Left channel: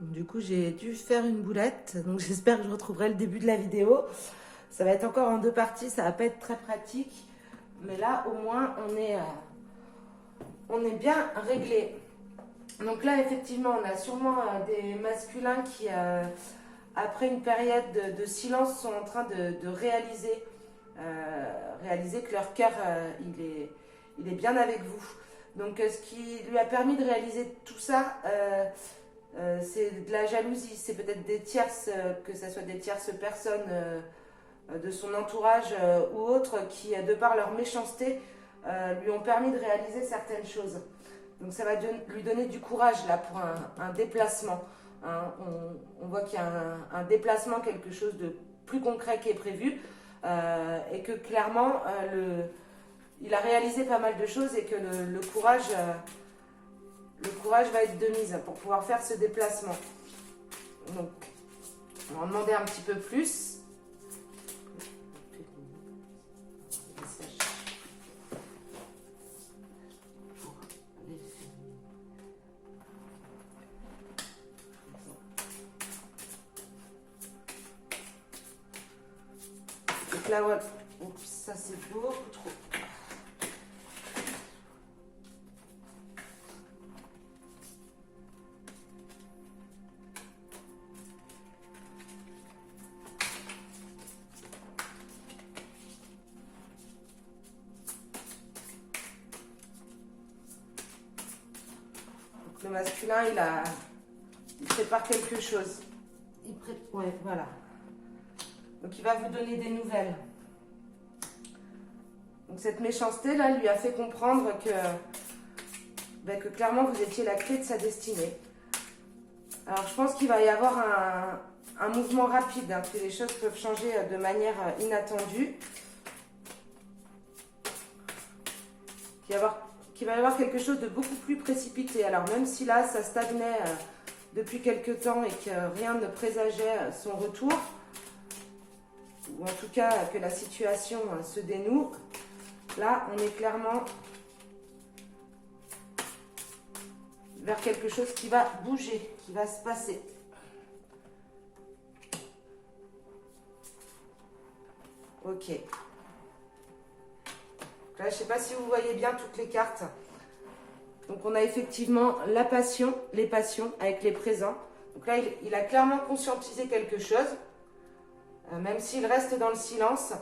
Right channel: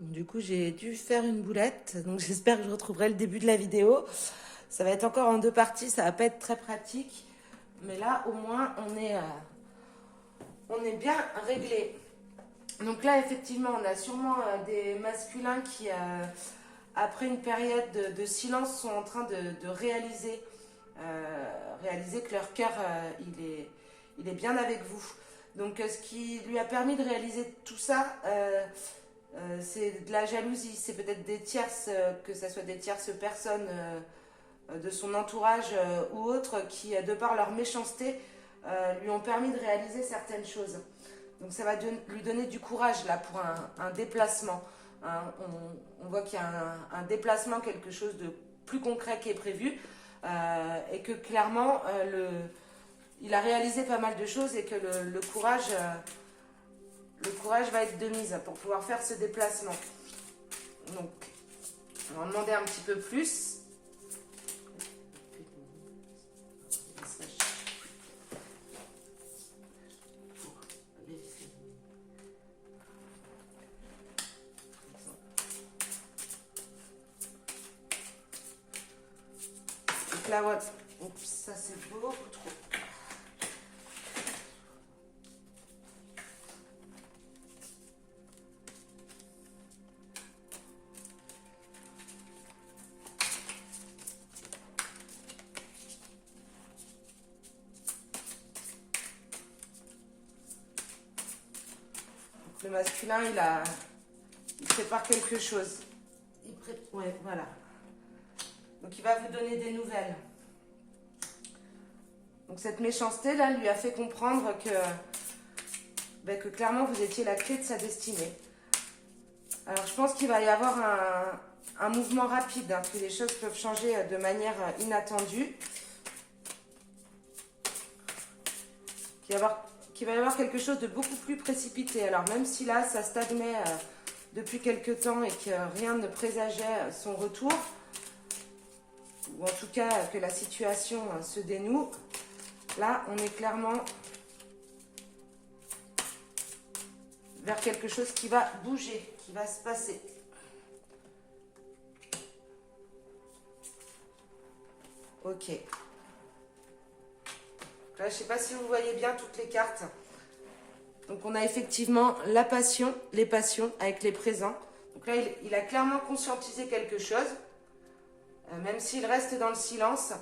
Du coup, j'ai dû faire une boulette, donc j'espère que je retrouverai le début de la vidéo. Ça va être encore en deux parties, ça va pas être très pratique, mais là, au moins, on est bien réglé. Donc là, effectivement, on a sûrement des masculins qui, après une période de silence, sont en train de réaliser que leur cœur, il est bien avec vous. Donc, ce qui lui a permis de réaliser tout ça, c'est de la jalousie. C'est peut-être des tierces, que ce soit des tierces personnes de son entourage ou autres, qui, de par leur méchanceté, lui ont permis de réaliser certaines choses. Donc ça va lui donner du courage là pour un déplacement. Hein. On voit qu'il y a un déplacement, quelque chose de plus concret qui est prévu et que clairement il a réalisé pas mal de choses et que le courage va être de mise pour pouvoir faire ce déplacement. Donc on va en demander un petit peu plus. Donc là, ouais. Oups, ça c'est beaucoup trop. Donc le masculin, il prépare quelque chose. Ouais, voilà. Donc il va vous donner des nouvelles. Donc cette méchanceté-là lui a fait comprendre que clairement vous étiez la clé de sa destinée. Alors je pense qu'il va y avoir un mouvement rapide, hein, que les choses peuvent changer de manière inattendue. Qu'il va y avoir quelque chose de beaucoup plus précipité. Alors même si là ça stagnait depuis quelque temps et que rien ne présageait son retour, ou en tout cas que la situation se dénoue, là on est clairement vers quelque chose qui va bouger, qui va se passer. Ok. Là, je ne sais pas si vous voyez bien toutes les cartes. Donc on a effectivement la passion, les passions avec les présents. Donc là, il a clairement conscientisé quelque chose, même s'il reste dans le silence.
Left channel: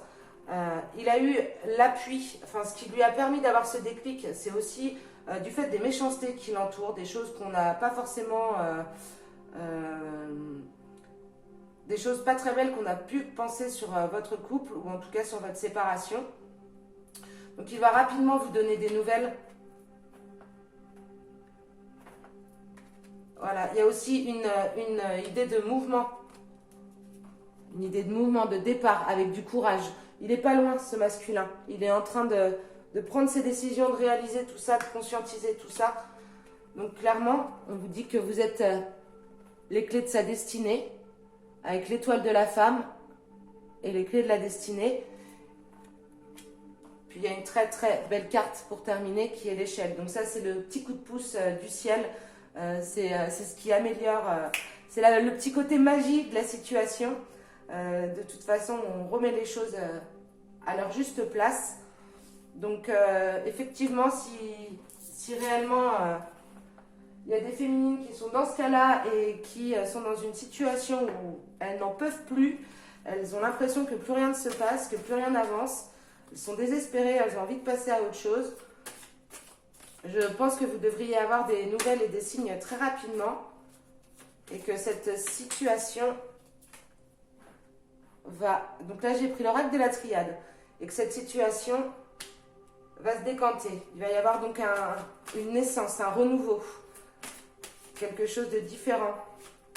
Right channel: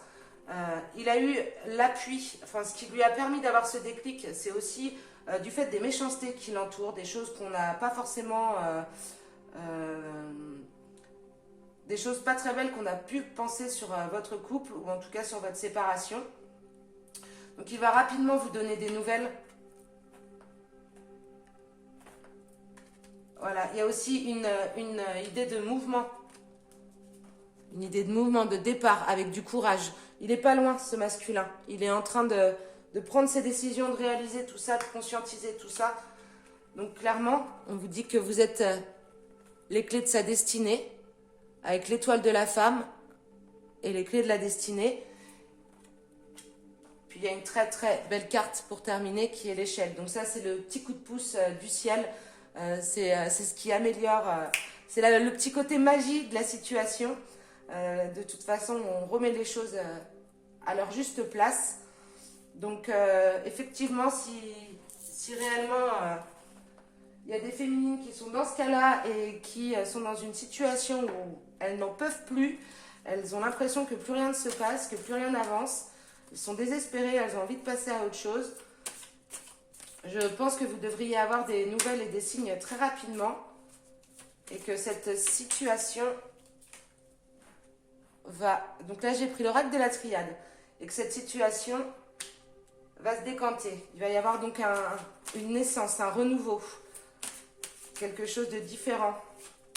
Il a eu l'appui, enfin ce qui lui a permis d'avoir ce déclic, c'est aussi du fait des méchancetés qui l'entourent, des choses qu'on n'a pas forcément, des choses pas très belles qu'on a pu penser sur votre couple, ou en tout cas sur votre séparation. Donc il va rapidement vous donner des nouvelles. Voilà, il y a aussi une idée de mouvement. Une idée de mouvement, de départ, avec du courage. Il n'est pas loin, ce masculin. Il est en train de prendre ses décisions, de réaliser tout ça, de conscientiser tout ça. Donc clairement, on vous dit que vous êtes les clés de sa destinée, avec l'étoile de la femme et les clés de la destinée. Puis il y a une très très belle carte pour terminer qui est l'échelle. Donc ça, c'est le petit coup de pouce du ciel. C'est ce qui améliore, c'est le petit côté magie de la situation. De toute façon, on remet les choses à leur juste place. Donc effectivement, si réellement il y a des féminines qui sont dans ce cas-là et qui sont dans une situation où elles n'en peuvent plus, elles ont l'impression que plus rien ne se passe, que plus rien n'avance, elles sont désespérées, elles ont envie de passer à autre chose. Je pense que vous devriez avoir des nouvelles et des signes très rapidement et que cette situation va... Donc là, j'ai pris l'oracle de la triade et que cette situation va se décanter. Il va y avoir donc une naissance, un renouveau, quelque chose de différent.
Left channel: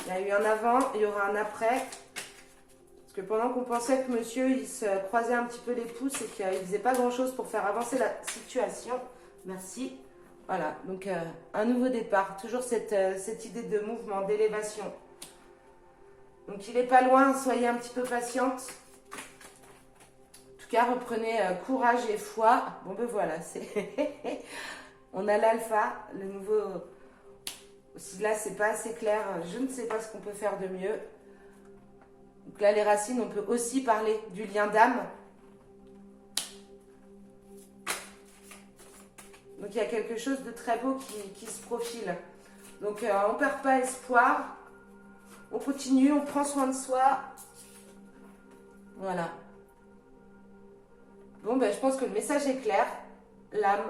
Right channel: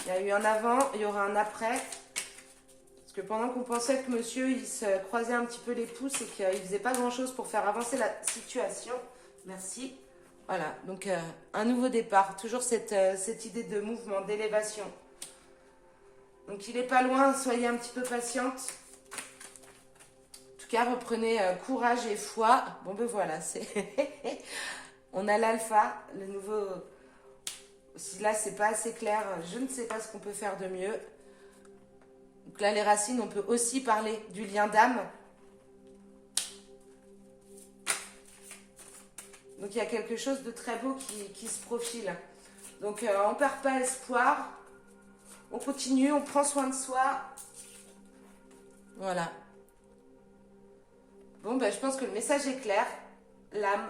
Il y a eu un avant, il y aura un après. Parce que pendant qu'on pensait que monsieur, il se croisait un petit peu les pouces et qu'il ne faisait pas grand-chose pour faire avancer la situation. Merci. Voilà, donc un nouveau départ, toujours cette idée de mouvement, d'élévation. Donc il n'est pas loin, soyez un petit peu patiente. En tout cas, reprenez courage et foi. Bon ben voilà, on a l'alpha, le nouveau Si là, c'est pas assez clair, je ne sais pas ce qu'on peut faire de mieux. Donc là, les racines, on peut aussi parler du lien d'âme. Donc il y a quelque chose de très beau qui se profile. Donc on ne perd pas espoir. On continue, on prend soin de soi. Voilà. Bon, ben, je pense que le message est clair. L'âme.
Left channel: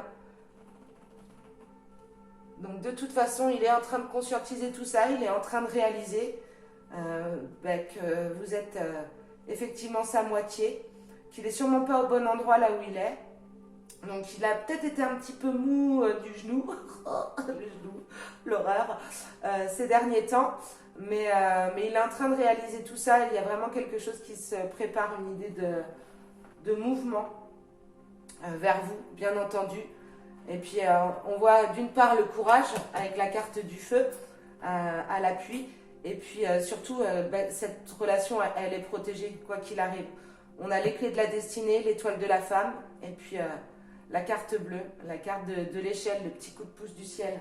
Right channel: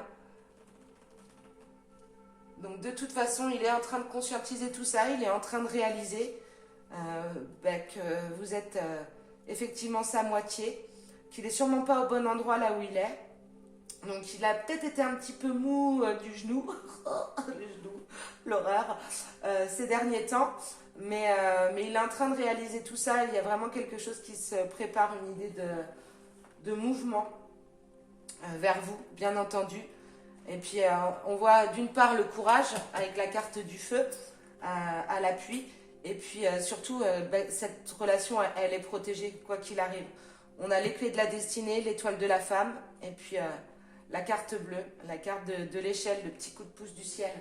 Donc de toute façon, il est en train de conscientiser tout ça. Il est en train de réaliser que vous êtes effectivement sa moitié. Qu'il n'est sûrement pas au bon endroit là où il est. Donc il a peut-être été un petit peu mou du genou, le genou, l'horreur, ces derniers temps, mais il est en train de réaliser tout ça. Il y a vraiment quelque chose qui se prépare, une idée de mouvement vers vous, bien entendu. Et puis on voit d'une part le courage avec la carte du feu à l'appui, et puis surtout cette relation, elle est protégée quoi qu'il arrive. On a les clés de la destinée, l'étoile de la femme, et puis la carte bleue, la carte de l'échelle, le petit coup de pouce du ciel.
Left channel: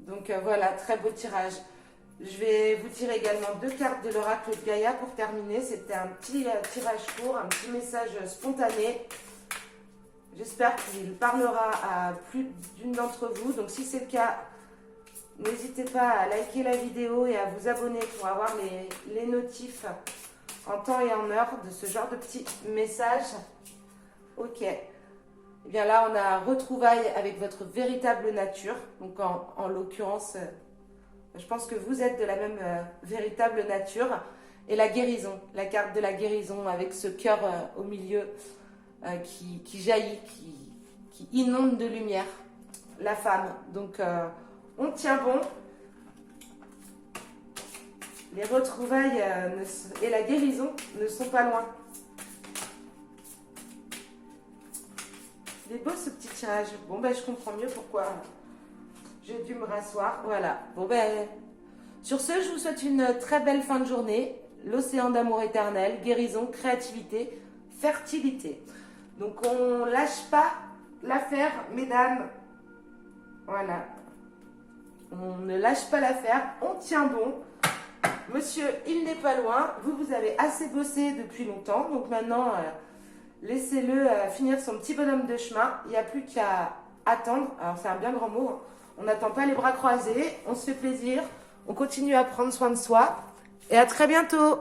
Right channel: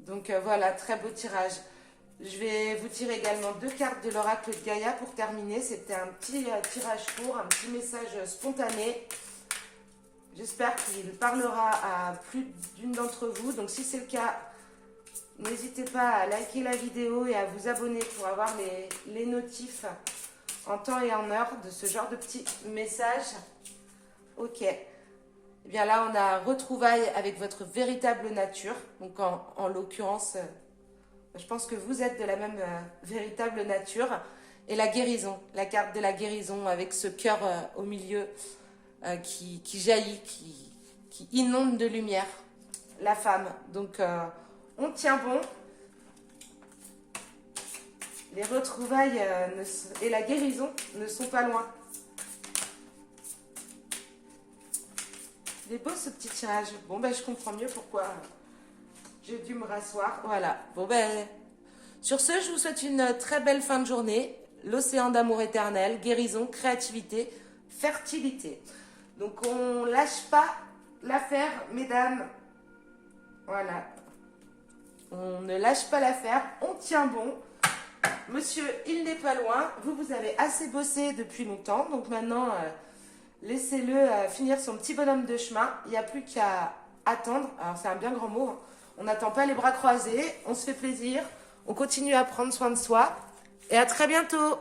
Donc voilà, très beau tirage. Je vais vous tirer également 2 cartes de l'oracle de Gaïa pour terminer. C'était un petit tirage court, un petit message spontané. J'espère qu'il parlera à plus d'une d'entre vous. Donc si c'est le cas, n'hésitez pas à liker la vidéo et à vous abonner pour avoir les notifs en temps et en heure de ce genre de petits messages. Ok. Eh bien là, on a retrouvailles avec votre véritable nature. Donc en l'occurrence, je pense que vous êtes de la même véritable nature. Et la guérison, la carte de la guérison avec ce cœur au milieu qui jaillit, qui inonde de lumière. La femme. Donc on tient bon. Les retrouvailles et la guérison ne sont pas loin. Il est beau ce petit tirage. Bon, ben, je comprends mieux pourquoi j'ai dû me rasseoir. Voilà. Bon, ben, sur ce, je vous souhaite une très belle fin de journée. L'océan d'amour éternel, guérison, créativité, fertilité. Donc, on lâche pas l'affaire, mesdames. Voilà. On ne lâche pas l'affaire. On tient bon. Monsieur, il n'est pas loin. Vous avez assez bossé depuis longtemps. Donc, maintenant... laissez-le finir son petit bonhomme de chemin. Il n'y a plus qu'à attendre. Alors, c'est un bien grand mot. Hein. On n'attend pas les bras croisés. On se fait plaisir. On continue à prendre soin de soi. Et à très bientôt.